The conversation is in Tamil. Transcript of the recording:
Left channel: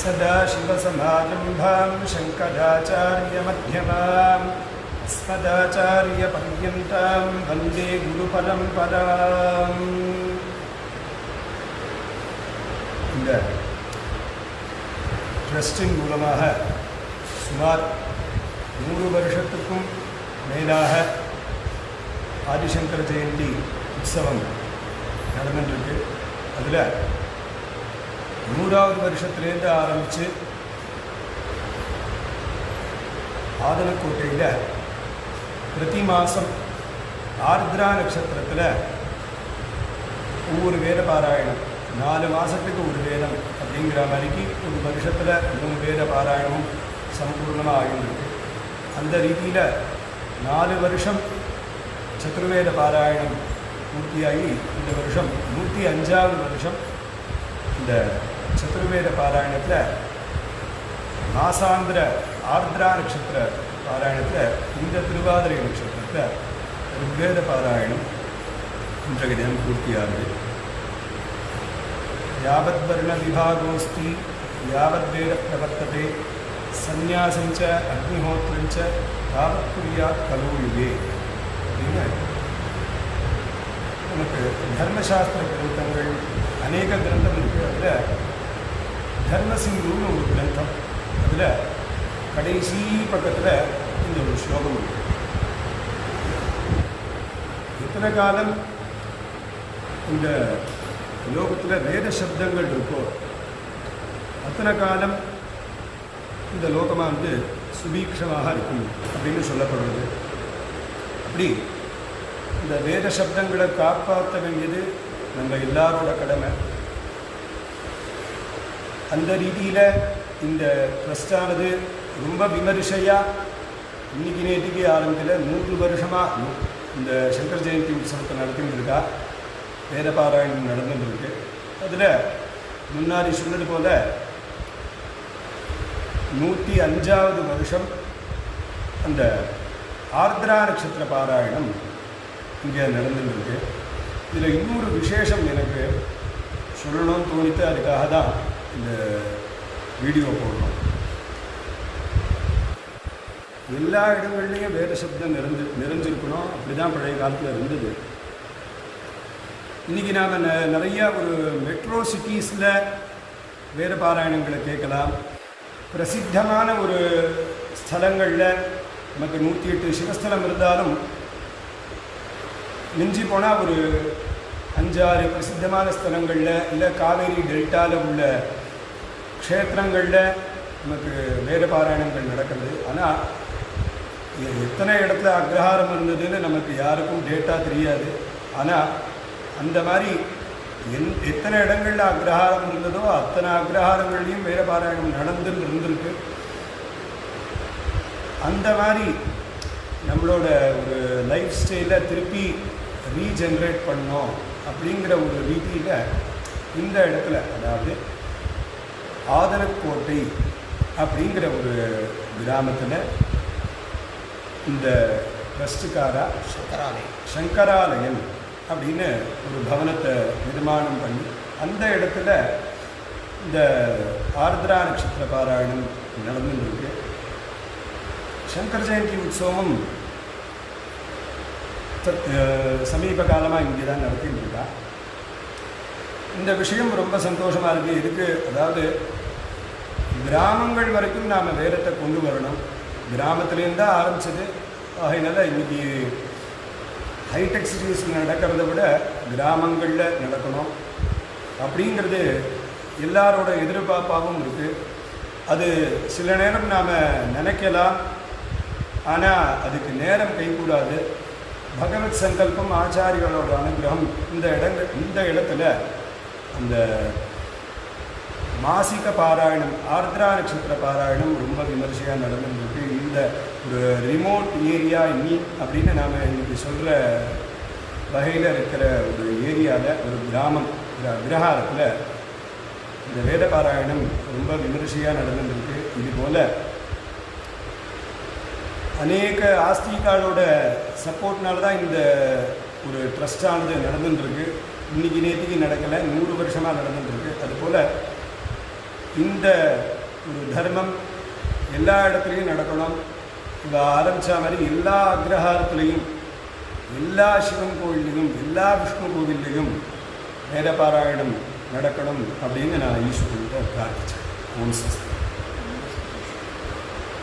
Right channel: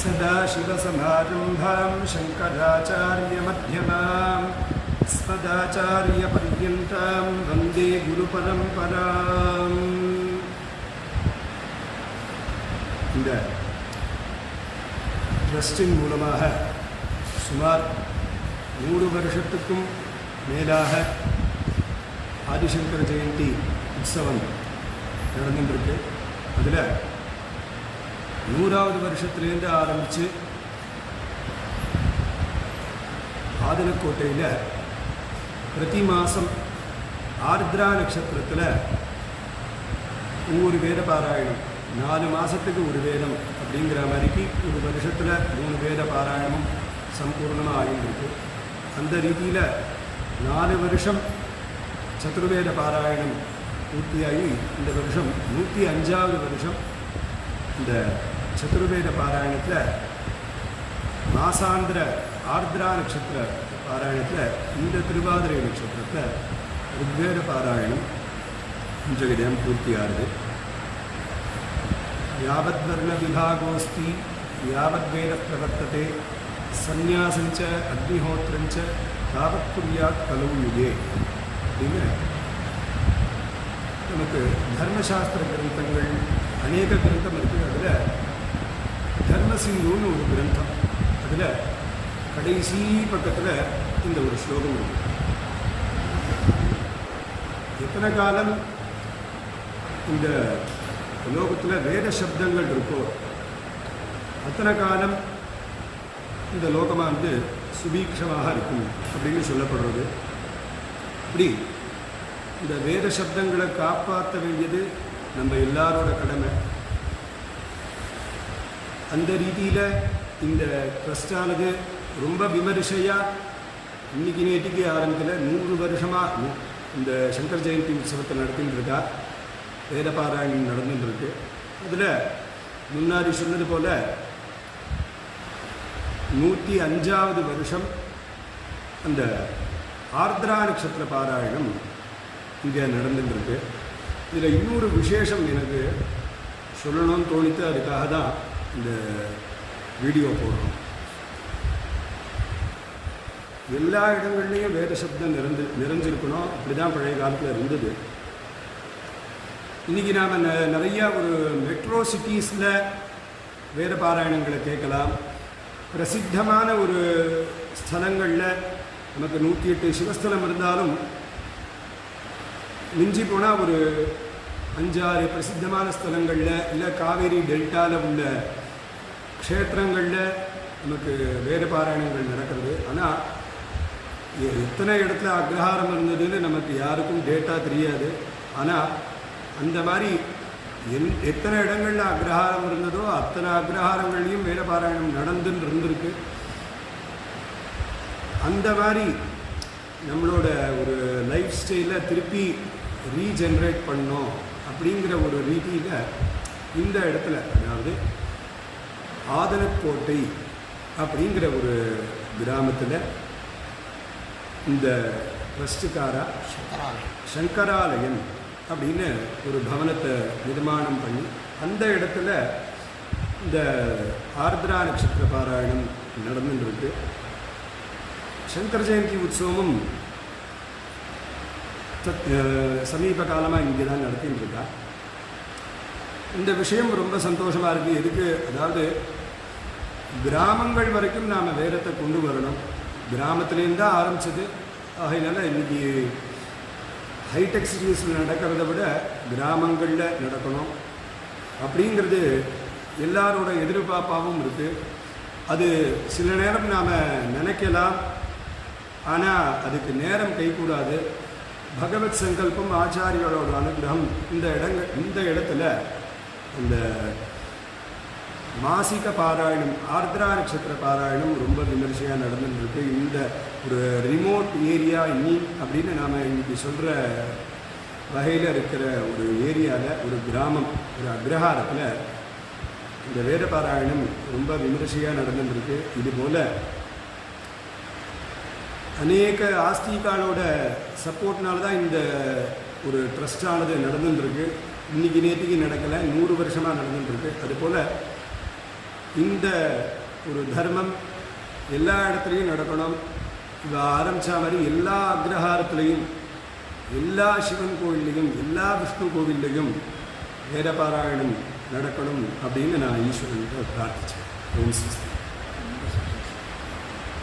सदाशिवसमारम्भां शङ्कराचार्यमध्यमाम् अस्मदाचार्यपर्यन्तां वन्दे गुरुपरम्पराम्. இந்த ட்ரஸ்டின் மூலமாக சுமார் 100 வருஷத்துக்கும் மேலாக ஆதிசங்கர ஜெயந்தி உற்சவம் நடந்துருக்கு. அதில் 100வது வருஷத்துலேருந்து ஆரம்பித்து ஆதனக்கோட்டையில் பிரதி மாதம் ஆர்திரா நட்சத்திரத்தில் ஒவ்வொரு வேத பாராயணம் 4 மாதத்துக்கு ஒரு வேதம் அப்படிங்கிற மாதிரிக்கு ஒரு வருஷத்தில் 3 வேத பாராயணமும் சம்பூர்ணமாக ஆகியிருக்கு. அந்த ரீதியில் 4 வருஷம் சதுர்வேத பாராயணம் பூர்த்தியாகி இந்த வருஷம் 105வது வருஷம் இந்த சதுர்வேத பாராயணத்தில் மாசாந்திர ஆர்திரா நட்சத்திர பாராயணத்தில் இந்த திருவாதிரை நட்சத்திரத்தில் ருக்வேத பாராயணம் இன்றைய தினம் பூர்த்தியாகுது. யாவத் வர்ண விபாகோஸ்தி யாவத் வேத பிரவர்த்ததே சந்நியாசஞ்ச அக்னிஹோத்திரஞ்ச தாவத் குர்யாத் கலோ யுகே அப்படின்னு நமக்கு தர்மசாஸ்திர கிரந்தங்கள் அநேக கிரந்தம் இருக்குது. அதில் தர்மசிங்குன்னு ஒரு கிரந்தம், அதில் கடைசி பக்கத்தில் இந்த ஒரு ஸ்லோகம் இருக்குது. எத்தனை காலம் இந்த லோகத்தில் வேத சப்தங்கள் இருக்கோ அத்தனை காலம் இந்த லோகமாக சுபீக்ஷமாக இருக்கும் அப்படின்னு சொல்லப்படுறது. அப்படி இந்த வேத சப்தங்களை காப்பாற்ற வேண்டியது நம்ம எல்லாரோட கடமை. அந்த ரீதியில் இந்த ட்ரஸ்டானது ரொம்ப விமரிசையாக இன்னைக்கு நேற்றுக்கு ஆரம்பிக்கல, 100 வருஷமாக இந்த சங்கர் ஜெயந்தி உற்சவத்தை நடத்திட்டு இருக்கா. வேத பாராயணம் நடந்துருக்கு. அதில் முன்னாடி சொன்னது போல் 105வது வருஷம் அந்த ஆர்திரா நட்சத்திர பாராயணம் இங்கே நடந்துருக்கு. இதில் இன்னொரு விசேஷம் எனக்கு சொல்லணும்னு தோணித்து, அதுக்காக தான் இந்த வீடியோ போடுறோம். எல்லா இடங்கள்லேயும் வேத சப்தம் நிறைஞ்சிருக்கணும், அப்படி தான் பழைய காலத்தில் இருந்தது. இன்றைக்கி நாம் நிறையா ஒரு மெட்ரோ சிட்டிஸில் வேத பாராயணங்களை கேட்கலாம். பிரசித்தமான ஒரு ஸ்தலங்களில் நமக்கு 108 சிவஸ்தலம் இருந்தாலும் மிஞ்சி போனால் ஒரு 5-6 பிரசித்தமான ஸ்தலங்களில் இல்லை காவேரி டெல்டாவில் உள்ள க்ஷேத்திரங்களில் நமக்கு வேத பாராயணங்கள் நடக்கிறது. ஆனால் எத்தனை இடத்துல அக்ரஹாரம் இருந்ததுன்னு நமக்கு யாருக்கும் டேட்டா தெரியாது. ஆனால் அந்த மாதிரி எத்தனை இடங்களில் அக்ரஹாரம் இருந்ததோ அத்தனை அக்ரஹாரங்கள்லையும் வேத பாராயணம் நடந்துன்னு இருந்திருக்கு. அந்த மாதிரி நம்மளோட ஒரு லைஃப் ஸ்டைலை திருப்பி ரீஜென்ரேட் பண்ணோம் அப்படிங்கிற ஒரு ரீதியில் இந்த இடத்துல, அதாவது ஆதனக்கோட்டை அப்படிங்கிற ஒரு கிராமத்தில் இந்த ட்ரஸ்டுக்காரா சங்கராலயம் அப்படின்னு ஒரு பவனத்தை நிர்மாணம் பண்ணி அந்த இடத்துல இந்த ஆர்திரா நட்சத்திர பாராயணம் நடந்துருக்கு. சங்கர் ஜெயந்தி உற்சவமும் சமீப காலமாக இங்கே தான் நடத்திட்டு இருக்கா. இந்த விஷயம் ரொம்ப சந்தோஷமாக இருக்குது. இதுக்கு அதாவது கிராமங்கள் வரைக்கும் நாம் வேதத்தை கொண்டு வரணும். கிராமத்துலேருந்து தான் ஆரம்பிச்சது. ஆகையினால இன்றைக்கி ஹைடெக் சிட்டிஸில் நடக்கிறத விட கிராமங்களில் நடக்கணும் அப்படிங்கிறது எல்லாரோட எதிர்பார்ப்பாகவும் இருக்குது. அது சில நேரம் நாம் நினைக்கலாம், ஆனால் அதுக்கு நேரம் கைகூடாது. பகவத் சங்கல்பம், ஆச்சாரியோட அனுகிரகம் இந்த இடத்துல அந்த மாசிக பாராயணம் ஆர்திரா நட்சத்திர பாராயணம் ரொம்ப விமர்சையாக நடந்துருக்கு. இந்த ஒரு ரிமோட் ஏரியா அப்படின்னு நாம் இன்றைக்கி சொல்கிற வகையில் இருக்கிற ஒரு ஏரியாவில் ஒரு கிராமம், ஒரு அக்ரஹாரத்தில் இந்த வேத பாராயணம் ரொம்ப விமர்சையாக நடந்துருக்கு. இதுபோல் அநேக ஆஸ்திகாலோட சப்போர்ட்னால தான் இந்த ஒரு ட்ரஸ்டானது நடந்துட்டுருக்கு. இன்றைக்கி நேற்றுக்கு நடக்கலை, 100 வருஷமாக நடந்துட்டுருக்கு. அதுபோல் இந்த ஒரு தர்மம் எல்லா இடத்துலையும் நடக்கணும். இவ ஆரம்பித்த மாதிரி எல்லா அக்ரஹாரத்துலேயும், எல்லா சிவன் கோவில்லையும், எல்லா விஷ்ணு கோவில்லையும் வேதபாராயணம் நடக்கணும் அப்படின்னு நான் ஈஸ்வரன்கிட்ட பிரார்த்தித்தேன். ஓம் ஸ்வஸ்தி.